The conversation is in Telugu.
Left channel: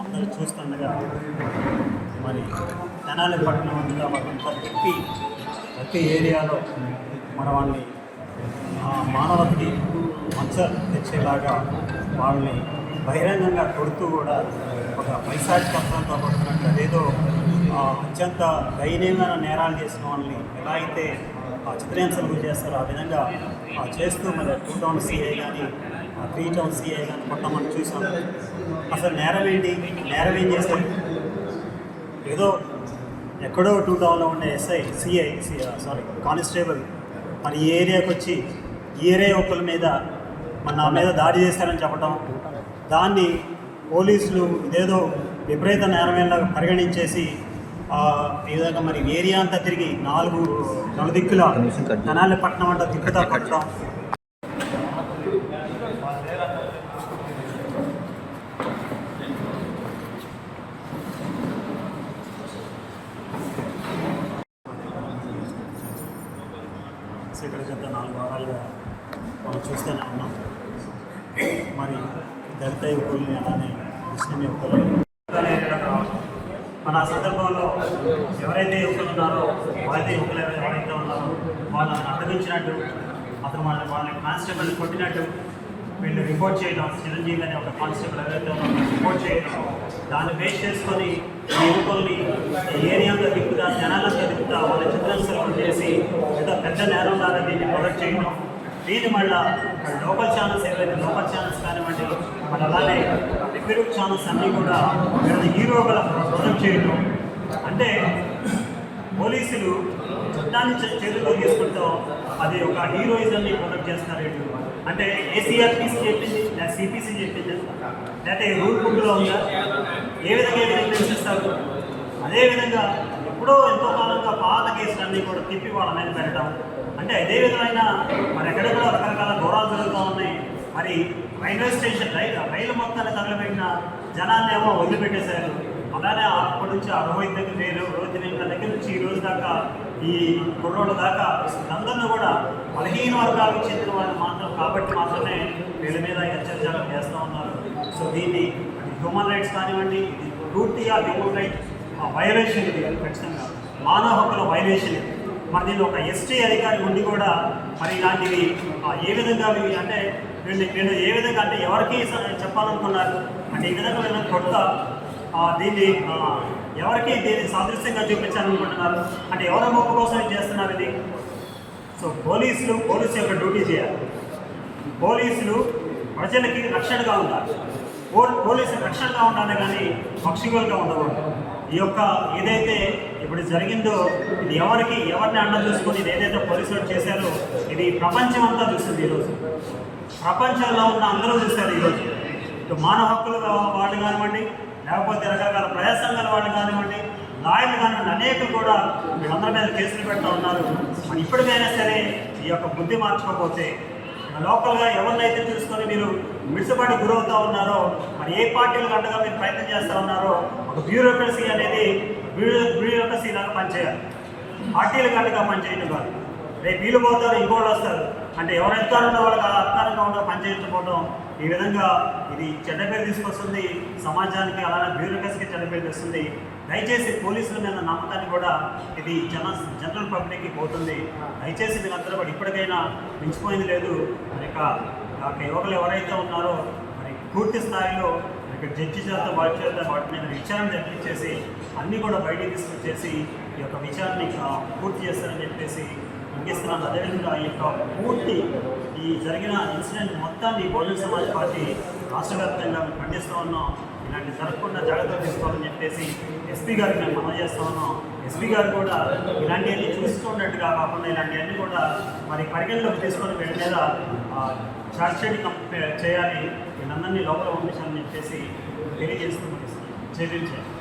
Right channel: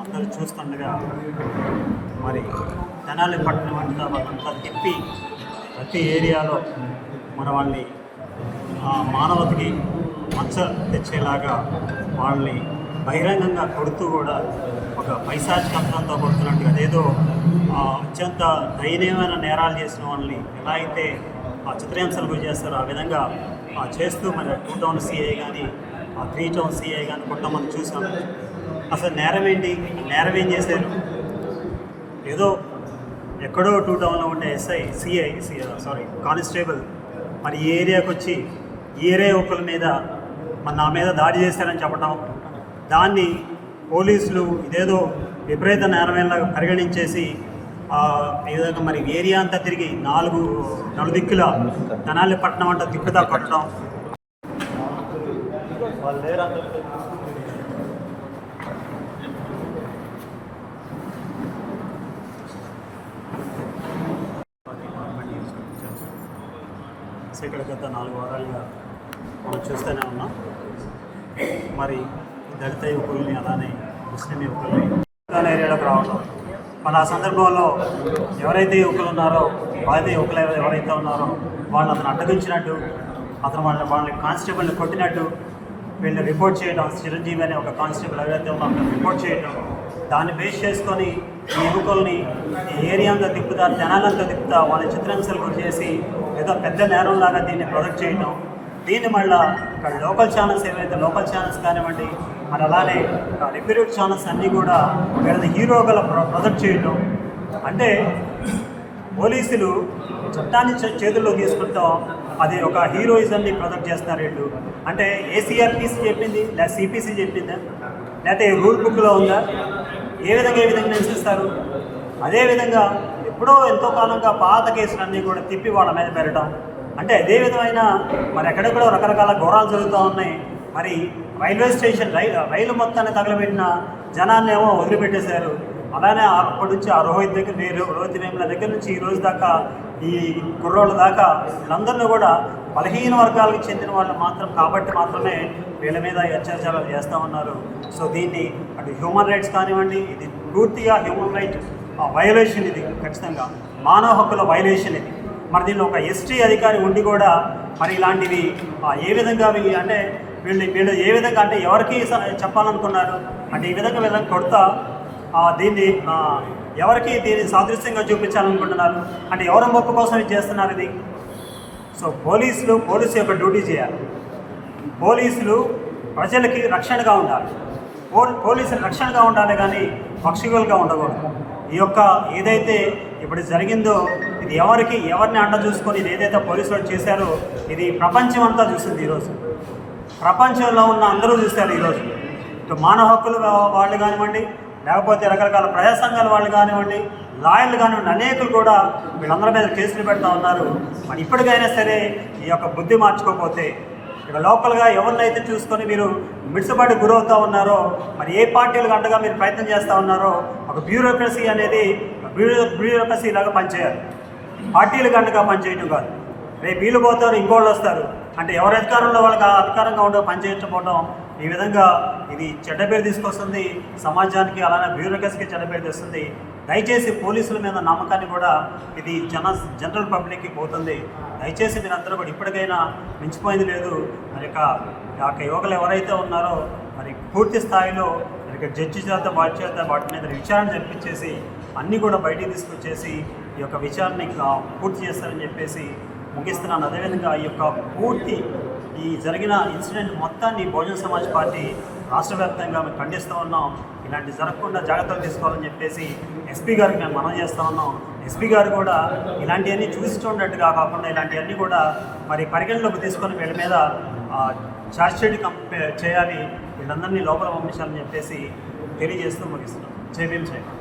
అందరూ చూస్తుండగా మరి తెనాలి పట్టణం అంతా వాళ్ళంతా తిప్పి ప్రతి ఏరియాలో మన వాళ్ళని ఆ మానవతకి మచ్చ తెచ్చేలాగా వాళ్ళని బహిరంగంగా కొడుతూ కూడా ఒక పైశాచికత్వంతో కొడుతున్నట్టు అదేదో ఆ, అత్యంత దయనీయమైన నేరాలు చేసిన వాళ్ళని ఎలా అయితే ఆ చిత్రహింసలు గురి చేస్తారో ఆ విధంగా ఆ, చేస్తూ మరి టూ టౌన్ సీఏ కానీ ఆ త్రీ టౌన్ సిఐ కానీ కొట్టమని చూసాం. అసలు నేరం ఏంటి? నేరం ఏం చేశారు ఏదో ఎక్కడో టూ టౌన్లో ఉండే ఎస్ఐ సిఐ సారీ కానిస్టేబుల్ మరి ఈ ఏరియాకి వచ్చి ఈ ఏరియా ఒకరి మీద మన నా మీద దాడి చేశారని చెప్పడం దాన్ని పోలీసులు ఇదేదో విపరీత నేరమేలాగా పరిగణించేసి ఈ విధంగా మరి ఏరియా అంతా తిరిగి నాలుగు నలుదిక్కుల తెనాలి పట్టణం అంతా తిప్పుతా కొట్టడం సో ఇక్కడ గత నాలుగు వారాలుగా మనం చూస్తూనే ఉన్నాం. మరి దళిత యువకుల్ని అలానే ముస్లిం యువకుల్ని వెళ్ళడం రావడం మన ఆ సందర్భంలో ఎవరైతే యువకులు ఉన్నారో బాధిత యువకులు ఎవరైతే ఉన్నారో వాళ్ళని అతను అడ్డగించినట్టు అతను వాళ్ళని వాళ్ళని కానిస్టేబుల్ని కొట్టినట్టు వీళ్ళు రిపోర్ట్ చేయడం చిరంజీవి అనే ఒక కానిస్టేబుల్ ఎవరైతే ఉన్నారో రిపోర్ట్ చేయడం దాన్ని బేస్ చేసుకొని యువకుల్ని ఈ ఏరియాలో తిప్పుతా జనాలంతా తిప్పుతా వాళ్ళ చిత్రాంశాలు కూడా చేసి ఏదో పెద్ద నేరం లాగా దీన్ని ప్రొడక్ట్ చేయడం. దీన్ని మళ్ళీ లోకల్ ఛానల్స్ ఏవైతే లోకల్ ఛానల్స్ కానివ్వండి మన అలానే రిపీటెడ్ ఛానల్స్ అన్నీ కూడా హీరో గల ప్రొజెక్ట్ చేయడం. అంటే పోలీసులు చట్టాన్ని చేతుల్లో తీసుకుంటాం అది ఒక హీరోయిజంని ప్రొజెక్ట్ చేస్తున్నారు వీళ్ళు అంటే ఏసీఆర్పీసీ చెప్పింది లేదా సిపిసి చెప్పిందా? లేకపోతే రూల్ బుక్లో ఉందా? ఏ విధంగా ఏ విధంగా నివసిస్తారు అదేవిధంగా ఎప్పుడో ఎంతో కాలంగా పాత కేసులన్నీ కూడా తిప్పి వాళ్ళ మీద పెట్టడం. అంటే అదే విధమైన మరి ఎక్కడెక్కడో రకరకాల ఘోరాలు జరుగుతూ ఉన్నాయి. మరి రైల్వే స్టేషన్ రై రైలు మొత్తాన్ని తగలబెట్టిన జనాన్ని ఏమో వదిలిపెట్టేశారు. అలానే అప్పటి నుంచి ఆ రోహిత్ దగ్గర మీరు రోహిత్ వేముల దగ్గర నుంచి ఈ రోజు దాకా ఈ కుర్రోళ్ళ దాకా వీళ్ళందరినీ కూడా బలహీన వర్గాలకు చెందిన వాళ్ళు మాత్రం కాబట్టి మాత్రమే వీళ్ళ మీద హెచ్చరికలు చేస్తూ ఉన్నారు. సో దీన్ని అటు హ్యూమన్ రైట్స్ కానివ్వండి ఇది పూర్తిగా హ్యూమన్ రైట్ వైలేషన్ ఇది ఖచ్చితంగా. మానవ హక్కుల వైలేషన్ ఇది. మరి దీన్ని ఒక ఎస్టీ అధికారి ఉండి కూడా మరి ఇలాంటివి ఏ విధంగా అంటే వీళ్ళు వీళ్ళు ఏ విధంగా అంటే ఎవరికి స- చెప్పాలనుకున్నారు? అంటే ఈ విధంగా వీళ్ళని కొడతా దీన్ని ఎవరికి దీన్ని సాదృశ్యంగా చూపించాలనుకుంటున్నారు? అంటే ఎవరి మొక్క కోసం ఇది చేస్తున్నారు ఇది? సో పోలీసులు పోలీసు యొక్క డ్యూటీ చేయాలి. పోలీసులు ప్రజలకి రక్షణగా ఉండాలి. పో పోలీసులు రక్షణగా ఉండాలి కానీ పక్షిగోలుగా ఉండకూడదు. ఈ యొక్క ఏదైతే ఇప్పుడు జరిగిందో ఇది ఎవరికి ఎవరిని అండ చూసుకొని ఇది ఏదైతే పోలీసులు చేశారో ఇది ప్రపంచం అంతా చూస్తుంది ఈరోజు. ప్రపంచంలో ఉన్న అందరూ చూస్తారు ఈరోజు. ఇటు మానవ హక్కులు వాళ్ళు కానివ్వండి లేకపోతే రకరకాల ప్రజా సంఘాల వాళ్ళు కానివ్వండి లాయర్లు కానివ్వండి అనేకులు కూడా వీళ్ళందరి మీద కేసులు పెడతా ఉన్నారు. మరి ఇప్పటికైనా సరే ఈ యొక్క బుద్ధి మార్చుకోకపోతే ఇక లోకల్గా ఎవరినైతే చూసుకొని మీరు మిడిసిపడి గురవుతూ ఉన్నారో మరి ఏ పార్టీలకు అండగా మీరు ప్రయత్నం చేస్తూ ఉన్నారో ఒక బ్యూరోక్రసీ అనేది బ్యూరోక్రసీ లాగా పనిచేయాలి. పార్టీలకు అండగా పనిచేయటం కాదు. రేపు వీళ్ళు పోతారు ఇంకోళ్ళు వస్తారు. అంటే ఎవరు అధికారంలో వాళ్ళకి అధికారంగా ఉండగా పనిచేయకపోవడం ఈ విధంగా ఇది చెడ్డ పేరు తీసుకొస్తుంది. సమాజానికి అలానే బ్యూరోక్రసీకి చెడ్డ పేరు తెస్తుంది. దయచేసి పోలీసుల మీద నమ్మకాన్ని కూడా ఇది జన జనరల్ పబ్లిక్కి పోతుంది. దయచేసి మీరు అందరూ కూడా ఇప్పటికైనా మించిపోయింది లేదు. మరి యొక్క యువకులు ఎవరైతే ఉన్నారో మరి పూర్తి స్థాయిలో ఇక జడ్జి చేత వాటి చేత వాటి మీద విచారణ జరిపించేసి అన్నీ కూడా బయటికి తీసుకొచ్చేసి ఈ యొక్క విచారణ పూర్తి చేస్తారని చెప్పేసి ముగిస్తున్నాను. అదేవిధంగా ఈ యొక్క పూర్తి ఈ జరిగిన ఇన్సిడెంట్ మొత్తాన్ని బహుజన సమాజ్ పార్టీ రాష్ట్ర వ్యాప్తంగా మేము ఖండిస్తూ ఉన్నాం. ఇలాంటి జరగకుండా జాగ్రత్తలు తీసుకోవాలని చెప్పేసి ఎస్పీ గారికి మేము మనం చేస్తూ ఉన్నాం. ఎస్పీ గారు కూడా ఇలాంటివన్నీ చూస్తుండట్టుగా కాకుండా ఇలాంటివన్నీ కూడా మరి పరిగణలోకి తీసుకొని వీళ్ళ మీద చార్జ్షీట్ కంప్లీ చేయాలి. వీళ్ళందరినీ లోపల పంపించాలని చెప్పేసి తెలియజేస్తూ ముగిస్తున్నాం చర్యలు చేయాలి